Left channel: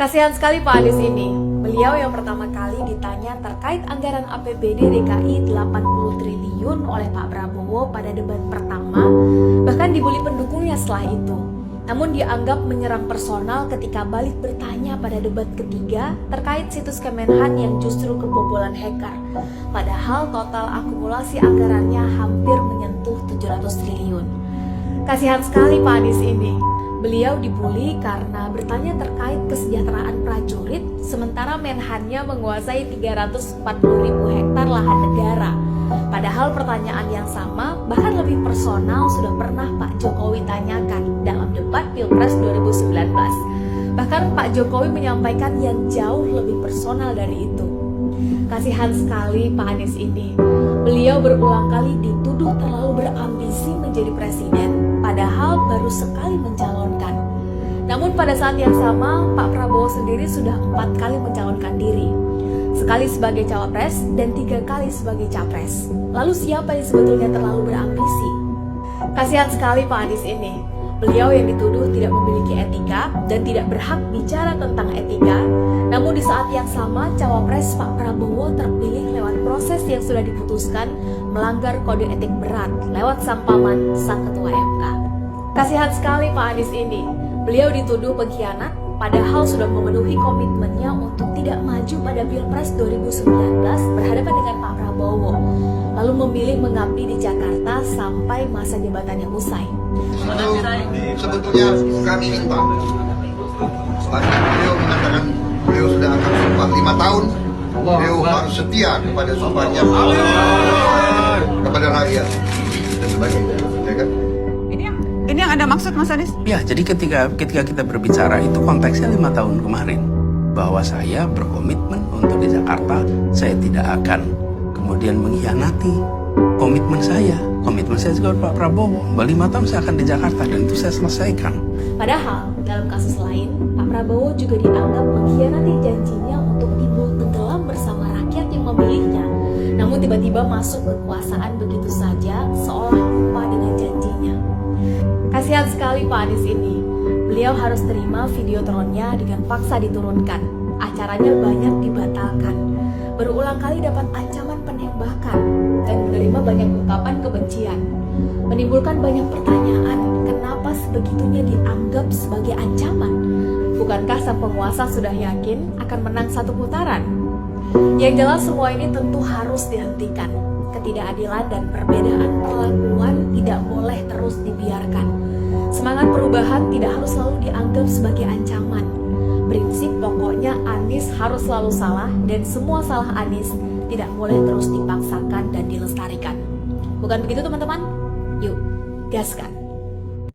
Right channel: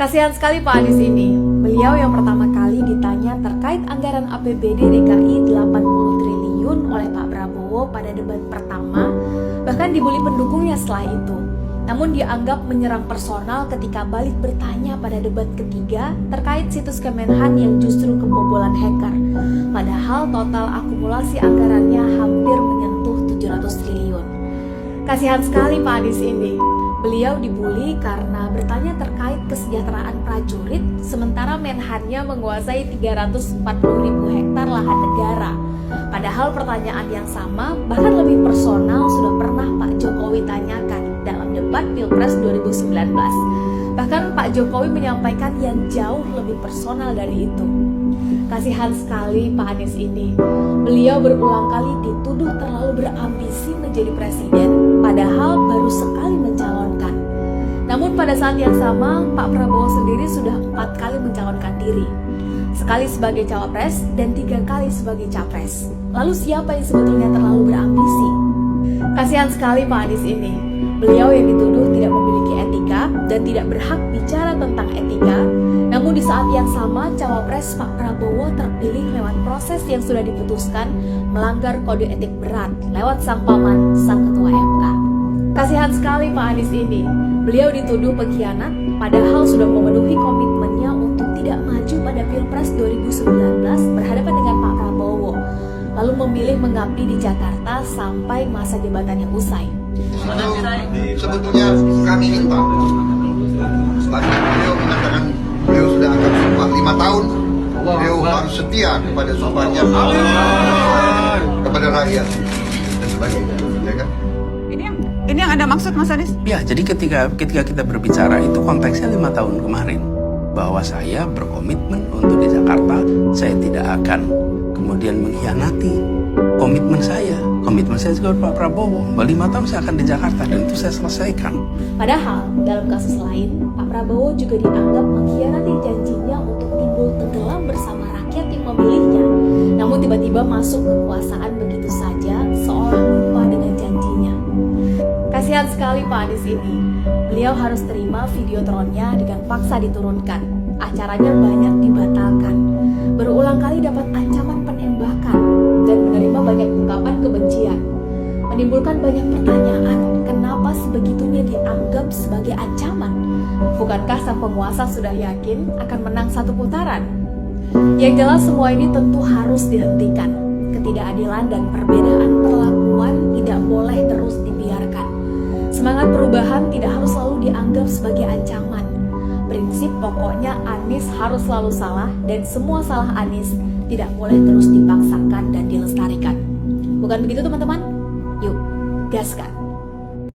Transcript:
Kasihan sekali Pak Anies ini. Beliau yang pertama kali ditanya terkait anggaran APBD DKI 80 triliun oleh Pak Prabowo pada debat pertama, bahkan dibully pendukungnya setelah itu. Namun dianggap menyerang personal ketika balik bertanya pada debat ketiga terkait situs Kemenhan yang justru kebobolan hacker. Padahal total akumulasi anggarannya hampir menyentuh 700 triliun. Kasihan sekali Pak Anies ini. Beliau dibully karena bertanya terkait kesejahteraan prajurit, sementara Menhannya menguasai 340.000 hektar lahan negara. Padahal pertanyaan yang sama, bahkan lebih personal, sudah pernah Pak Jokowi tanyakan dalam debat Pilpres 2019. Bahkan Pak Jokowi menyampaikan yang jauh lebih personal dari itu. Kasihan sekali Pak Anies ini. Beliau berulang kali dituduh terlalu berambisi menjadi presiden, padahal baru sekali mencalonkan. Namun pada saat yang sama, Pak Prabowo sendiri sudah 4 kali mencalonkan diri. Sekali sebagai cawapres dan 3 kali sebagai capres. Lalu siapa yang sebetulnya terlalu berambisi? Kasihan sekali Pak Anies ini. Beliau yang dituduh tidak memiliki etika dan tidak berhak bicara tentang etika. Namun di saat yang sama, cawapres Pak Prabowo terpilih lewat proses yang sudah diputuskan melanggar kode etik berat lewat sang paman, sang ketua MK. Kasihan sekali Pak Anies ini. Beliau dituduh pengkhianat, padahal sudah memenuhi komitmennya untuk tidak maju pada Pilpres 2019 berhadapan dengan Pak Prabowo, lalu memilih mengabdi di Jakarta sampai masa jabatannya usai. Sebetulnya kami minta, setelah beliau mengatakan beliau sudah akan sumpah 5 tahun, beliau harus setia kepada sumpahnya kepada rakyat dan sebagainya, ya kan? Ini yang Anda maksud, Mas Anies? Ya, jadi ketika kita berbicara itu konteksnya 5 tahun kemarin, bahwa saya berkomitmen untuk di Jakarta, saya tidak akan kemudian mengkhianati komitmen saya. Komitmen saya juga Pak Prabowo, bahwa 5 tahun saya akan di Jakarta dan itu saya selesaikan. Padahal dalam kasus lain, Pak Prabowo juga dianggap mengkhianati janjinya untuk timbul tenggelam bersama rakyat yang memilihnya. Namun tiba-tiba masuk kekuasaan begitu saja, seolah lupa dengan janjinya. Kasihan sekali Pak Anies ini. Beliau harus terima videotronnya dengan paksa diturunkan. Acaranya banyak dibatalkan. Berulang kali dapat ancaman penembakan dan menerima banyak ungkapan kebencian. Menimbulkan banyak pertanyaan, kenapa sebegitunya dianggap sebagai ancaman? Bukankah sang penguasa sudah yakin akan menang 1 putaran? Yang jelas semua ini tentu harus dihentikan. Ketidakadilan dan perbedaan perlakuan tidak boleh terus dibiarkan. Semangat perubahan tidak harus selalu dianggap sebagai ancaman. Prinsip pokoknya Anies harus selalu salah dan semua salah Anies tidak boleh terus dipaksakan dan dilestarikan. Bukan begitu teman-teman? Yuk, gaskan!